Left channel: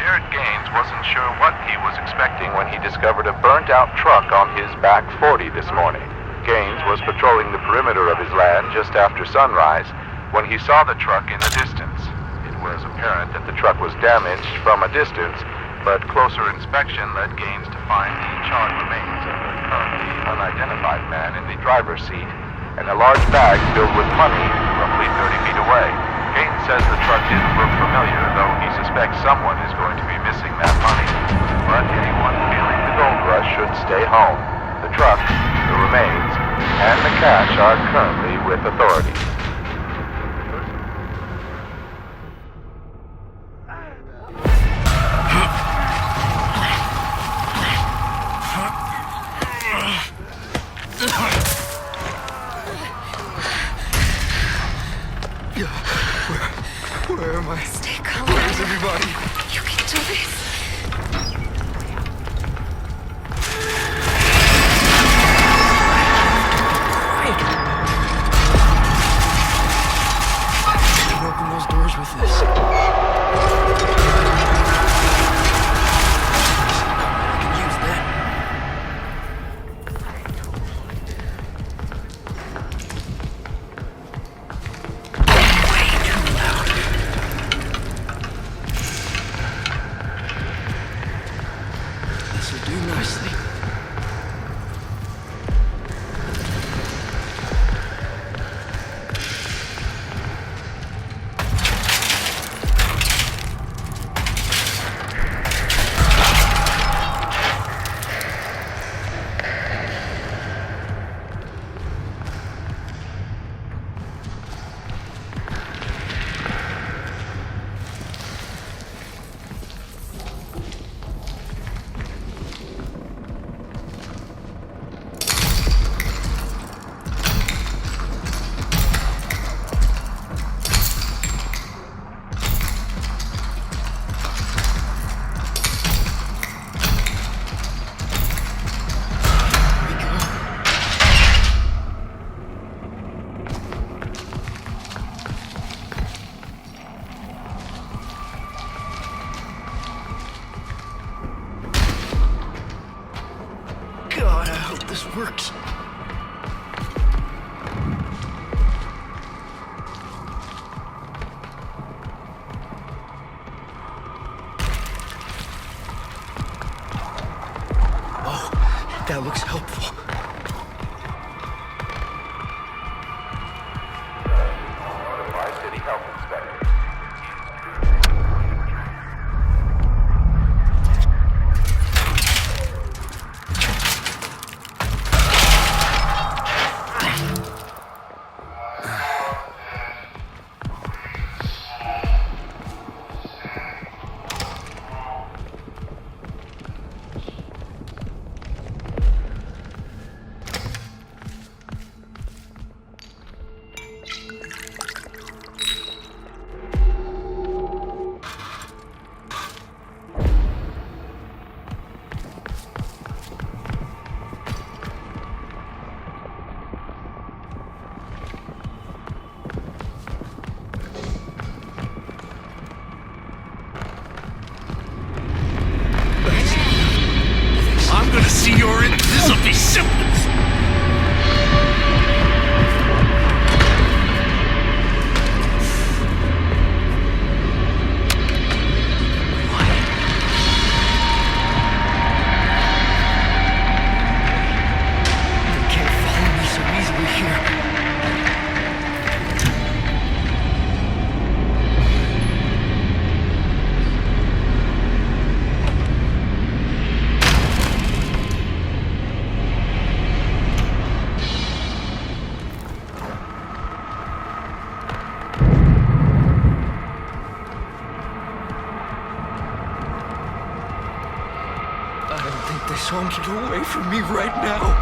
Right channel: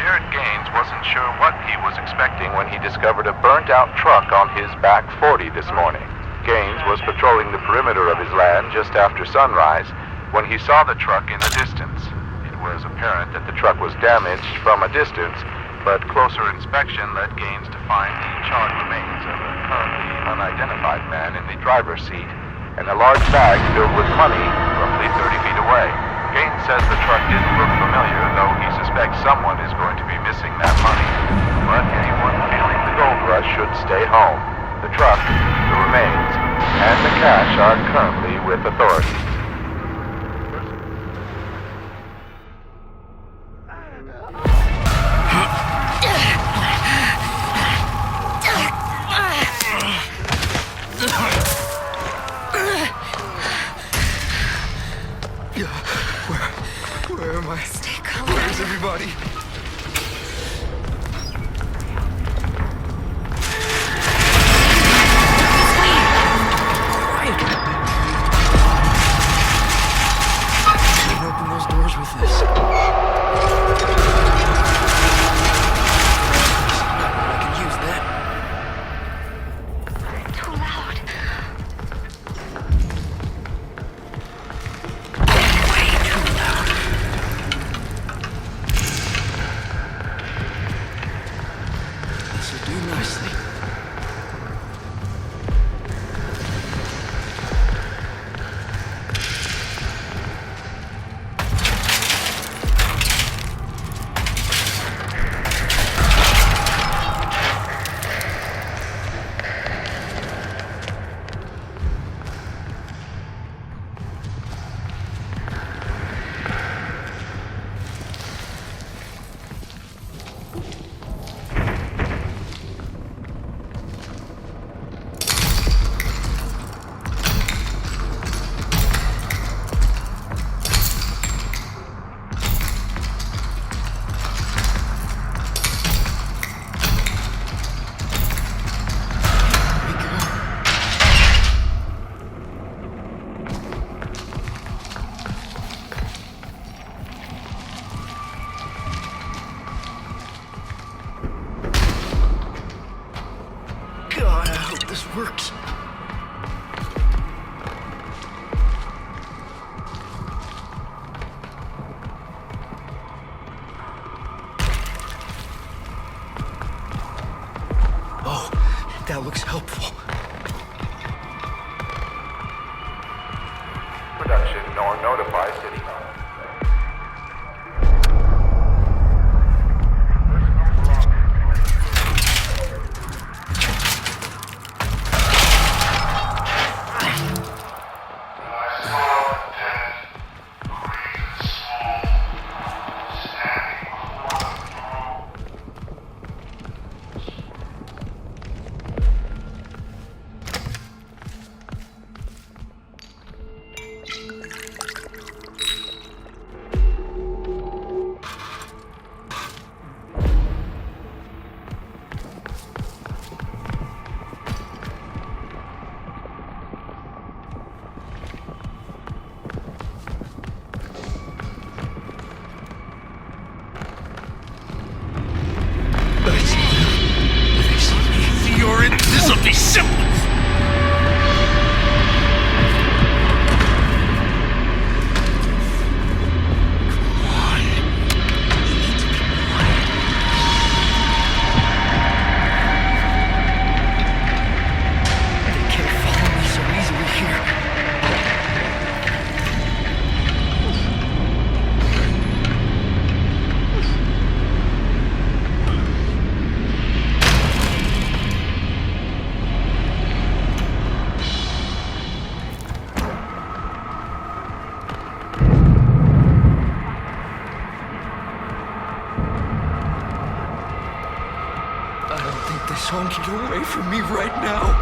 Jared Gaines wasn't sure what he was expecting when he discovered a burnt-out truck on his back 40 this morning. Gaines was patrolling the perimeter of his land just after sunrise when he saw the truck in the distance. It was apparent that the truck was damaged from a distance, but closer inspection led Gaines to find the charred remains of a currently unidentified man in the driver's seat and a large bag filled with money roughly 30 feet away. Gaines says the truck didn't look familiar, though he suspects someone is going to be missing that money. But anyone feeling the gold rush should stay home. The truck, the remains, and the cash are currently with authorities. Where am I? Stay calm. Where's everybody? You can do this. Quiet. I can open those doors with this. I can use that. Too loud. Way too loud. This will do nicely. God, I hope this works. Oh, that looks helpful. Production nor notify City Health Inspector. I'm gonna see you're in. This'll be simple. here. I don't think they saw me get away from me right now.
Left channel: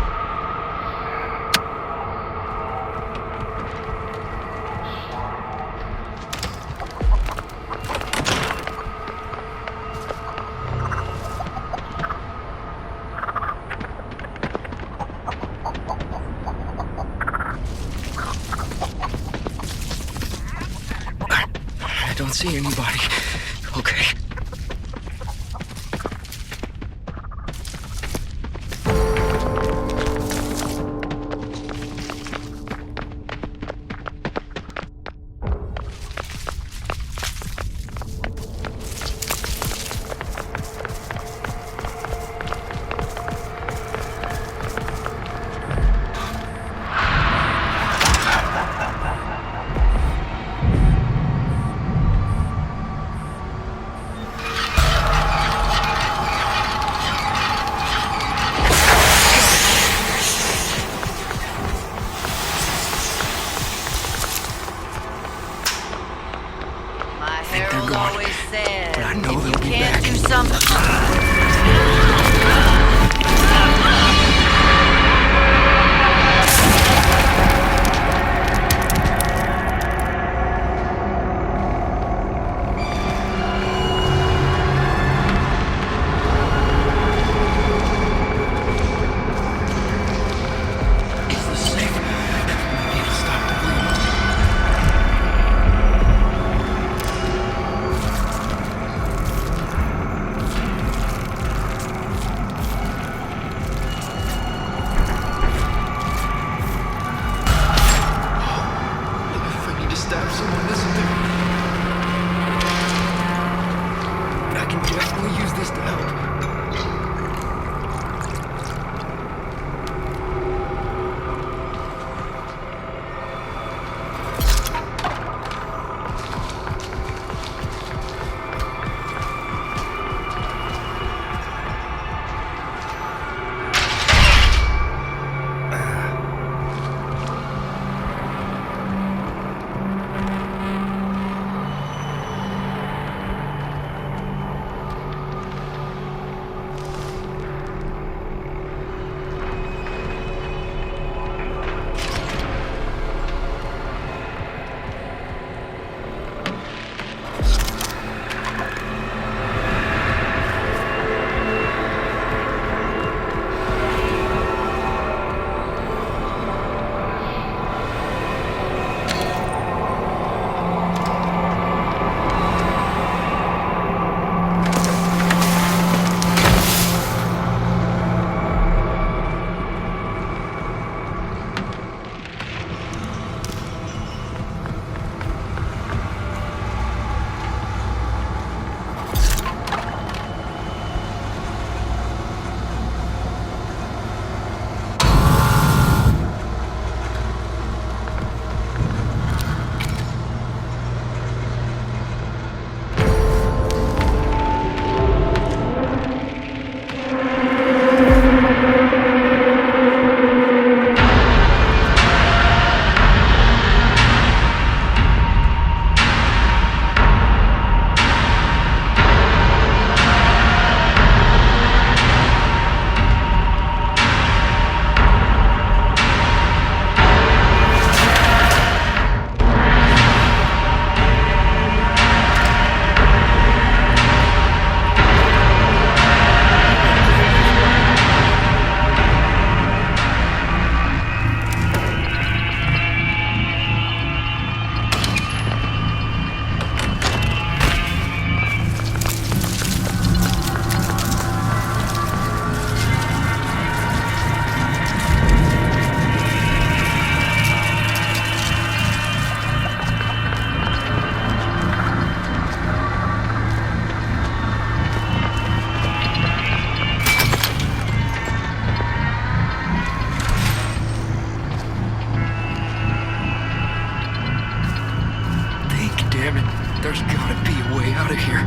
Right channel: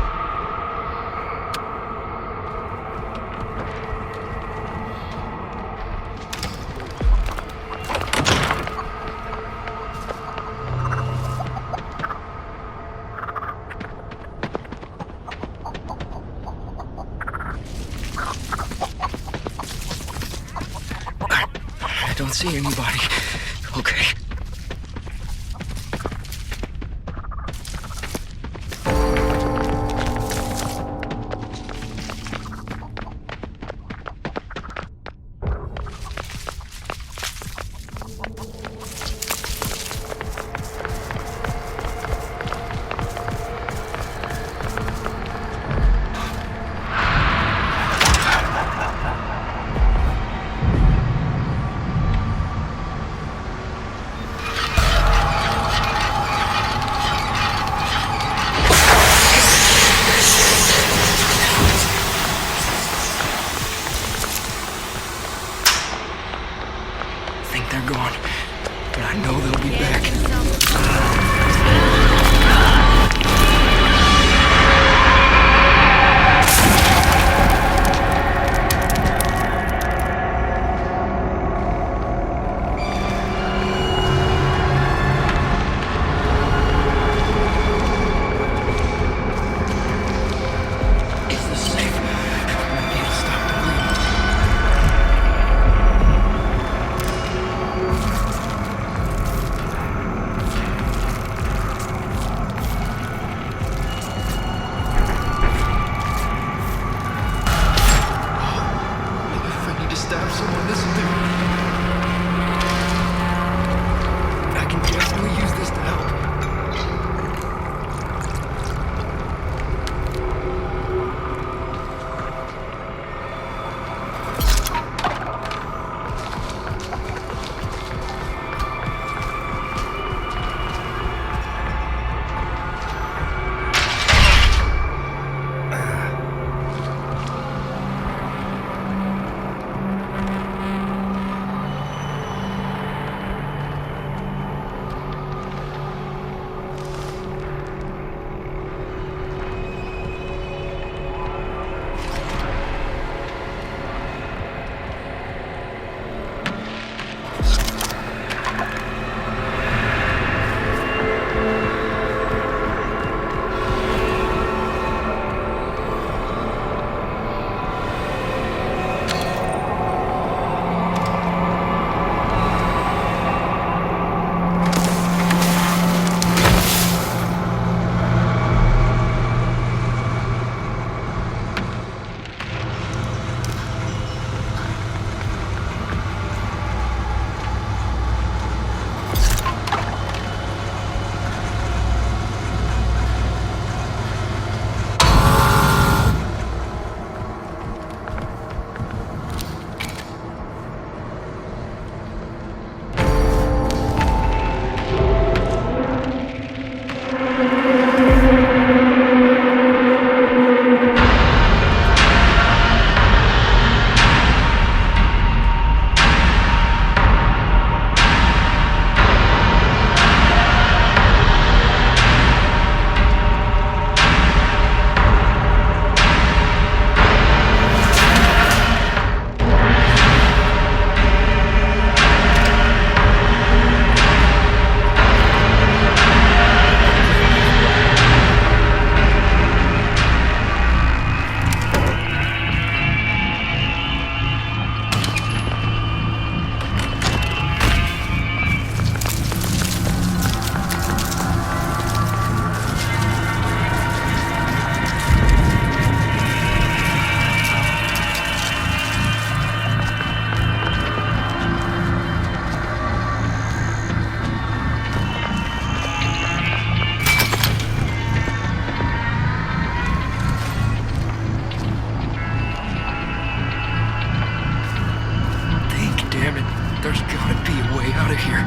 I don't see anybody. Okay. There's gotta be a way out of here.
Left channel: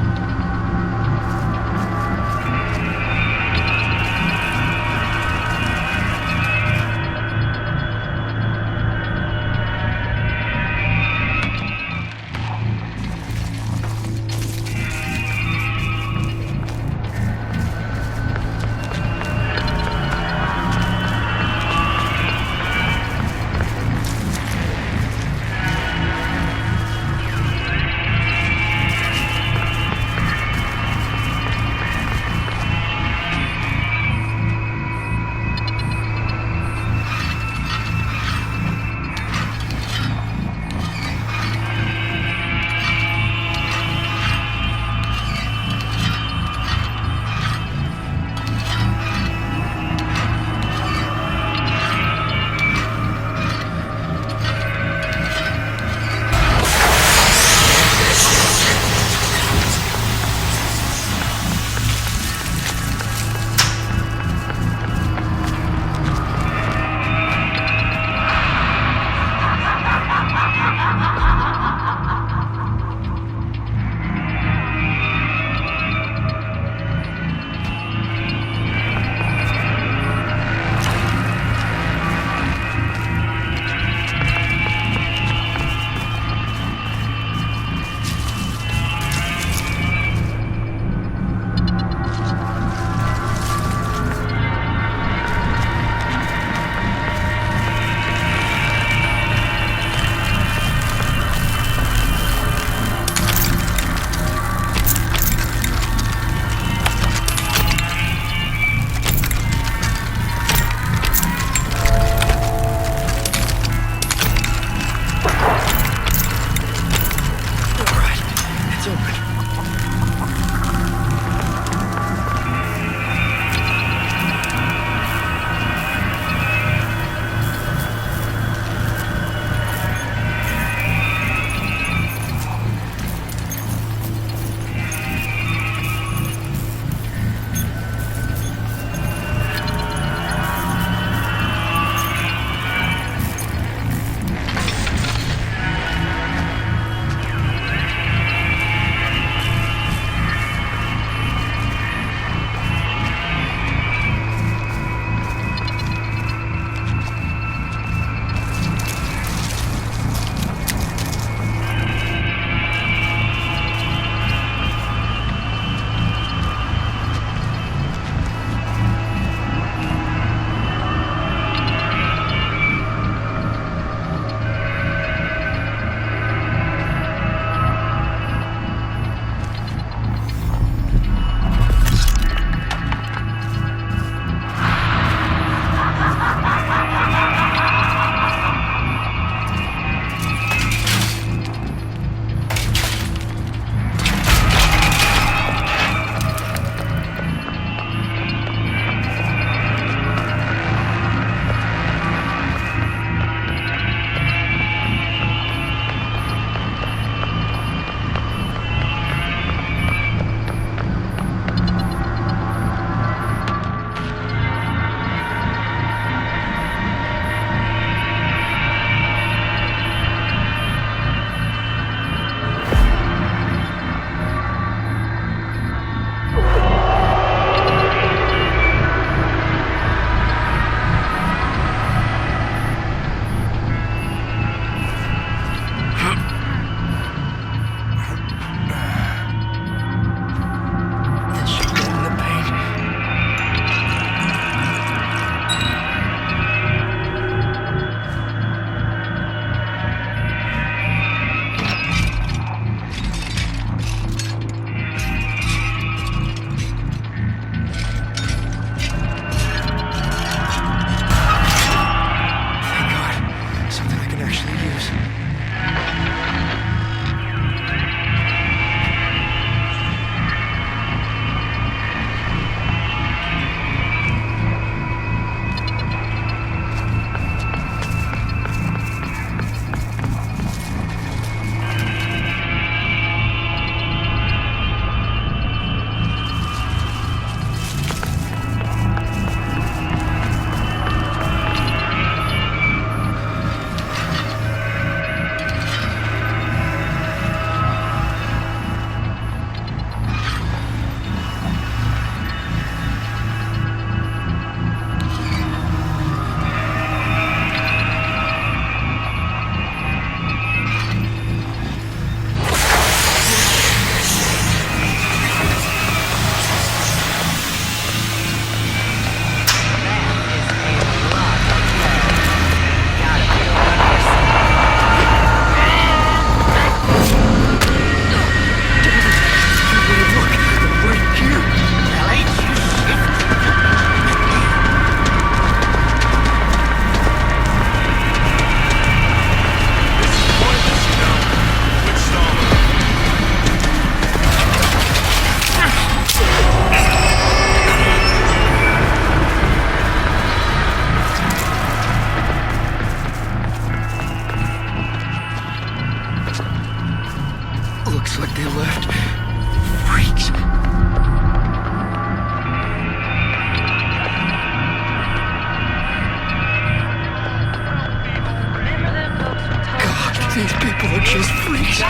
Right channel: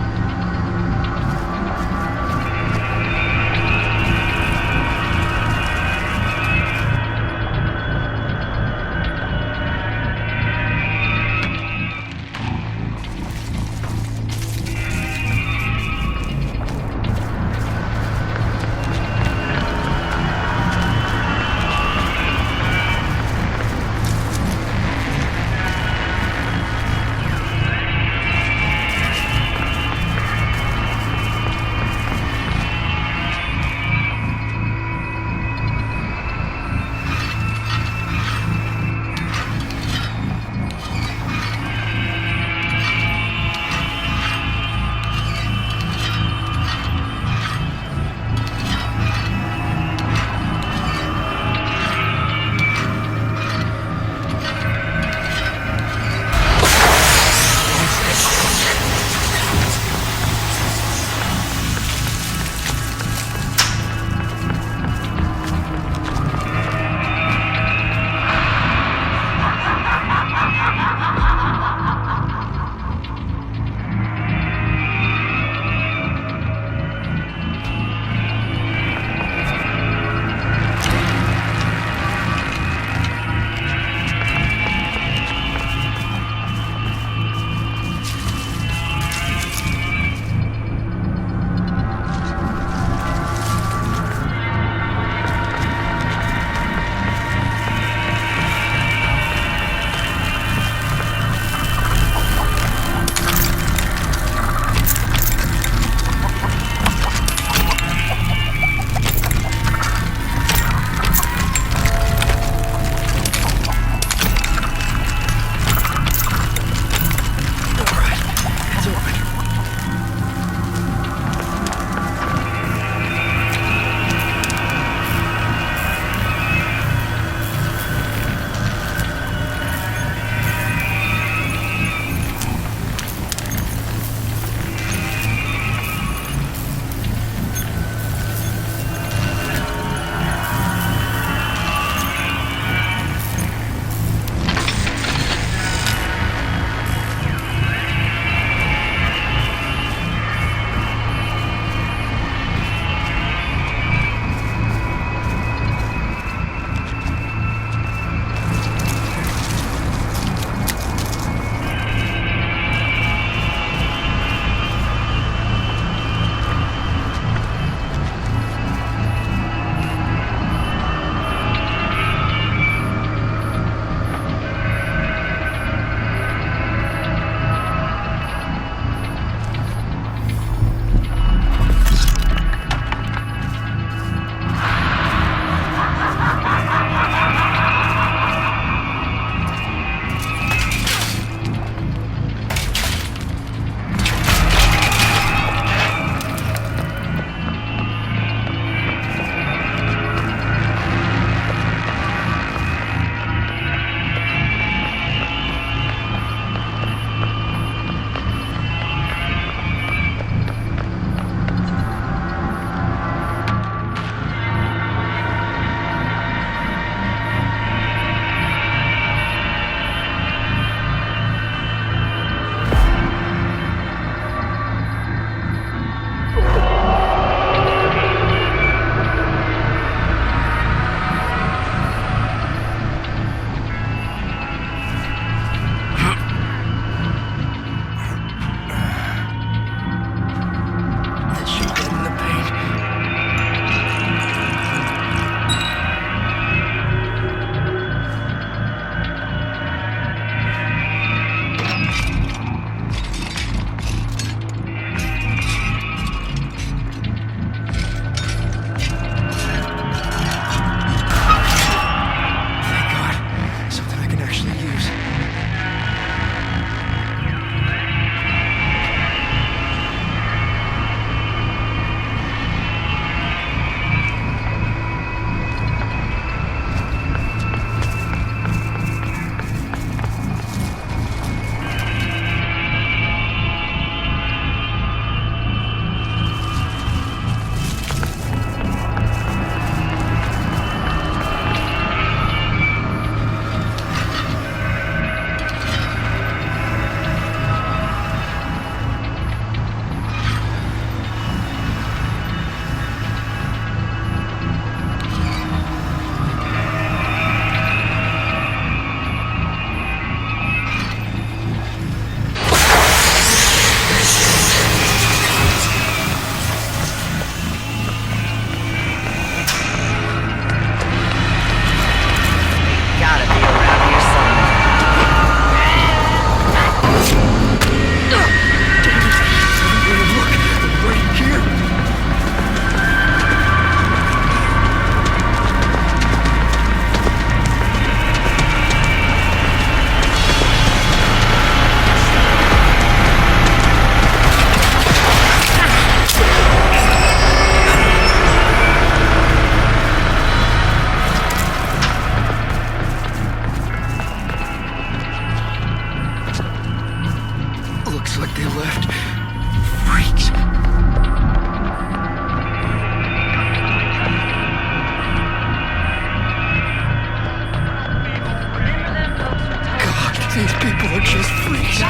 These people are just freaks. I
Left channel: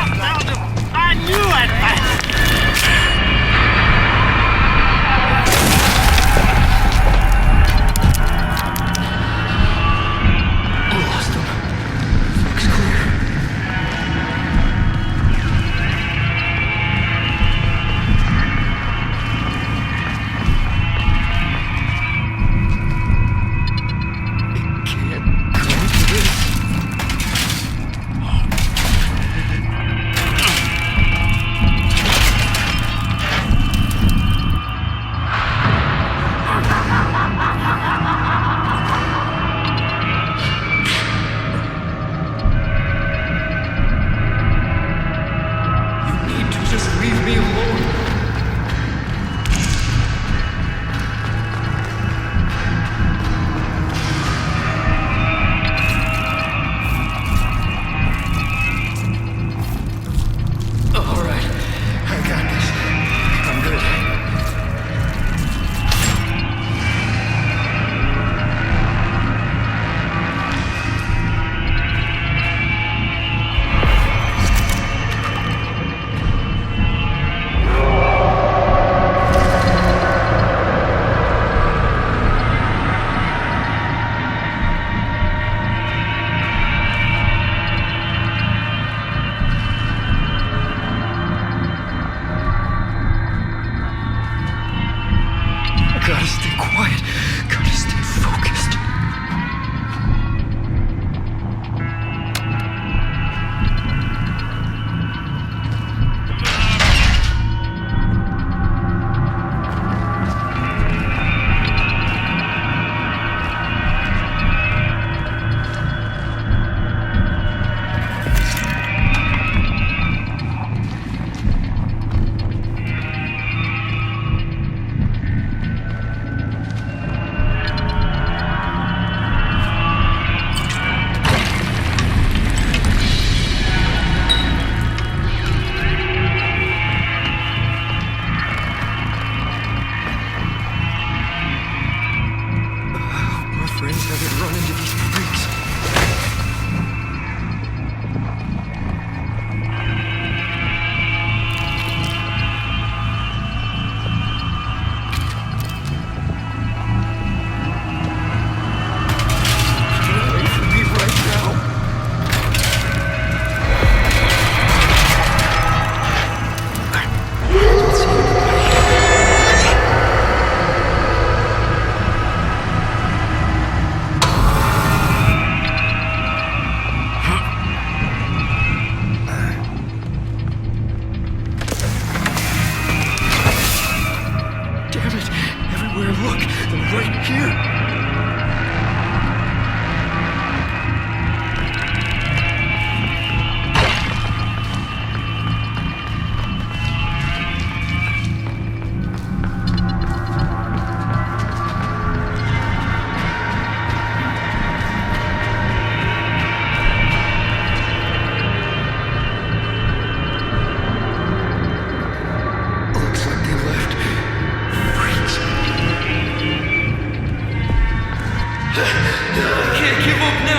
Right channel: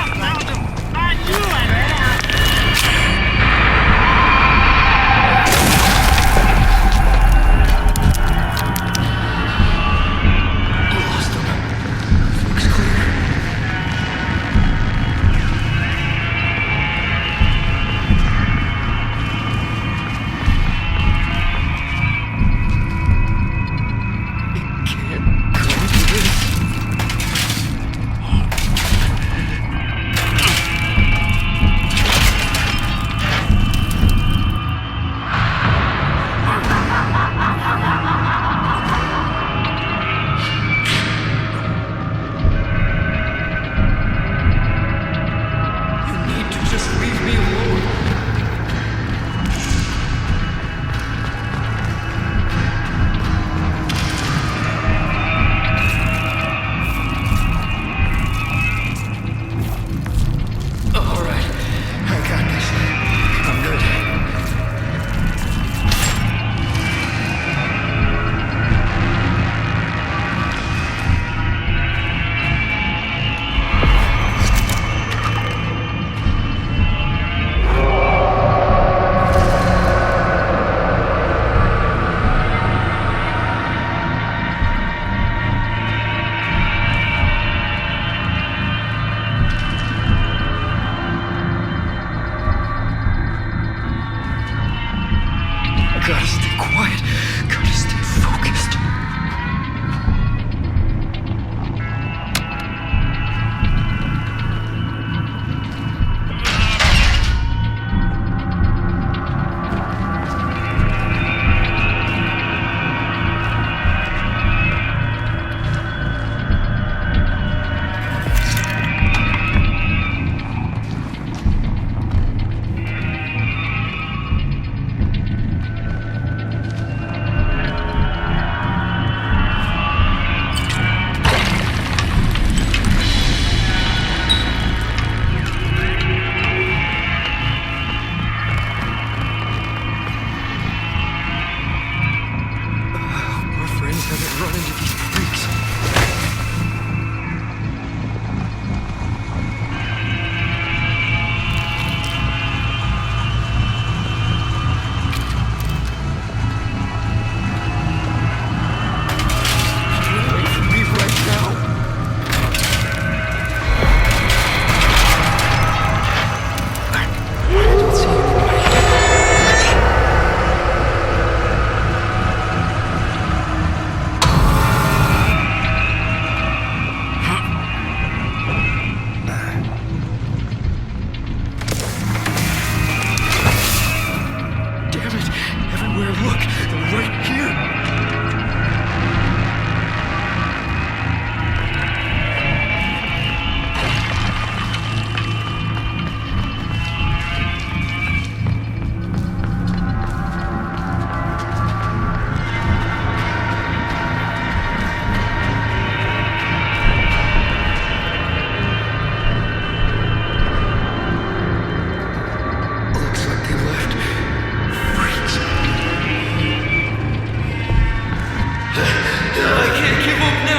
knew it! Lost them. Looks clear. It can't come to this. You need to just leave me alone. All right, I got this. I'm good. Gotta stay quiet. Gotta stay focused. My friends haven't run into these freaks. Get away from me right now. I don't see anybody. Damn it! Everywhere I look, they're right here. Looks like they left. Freaks. I can't give up now.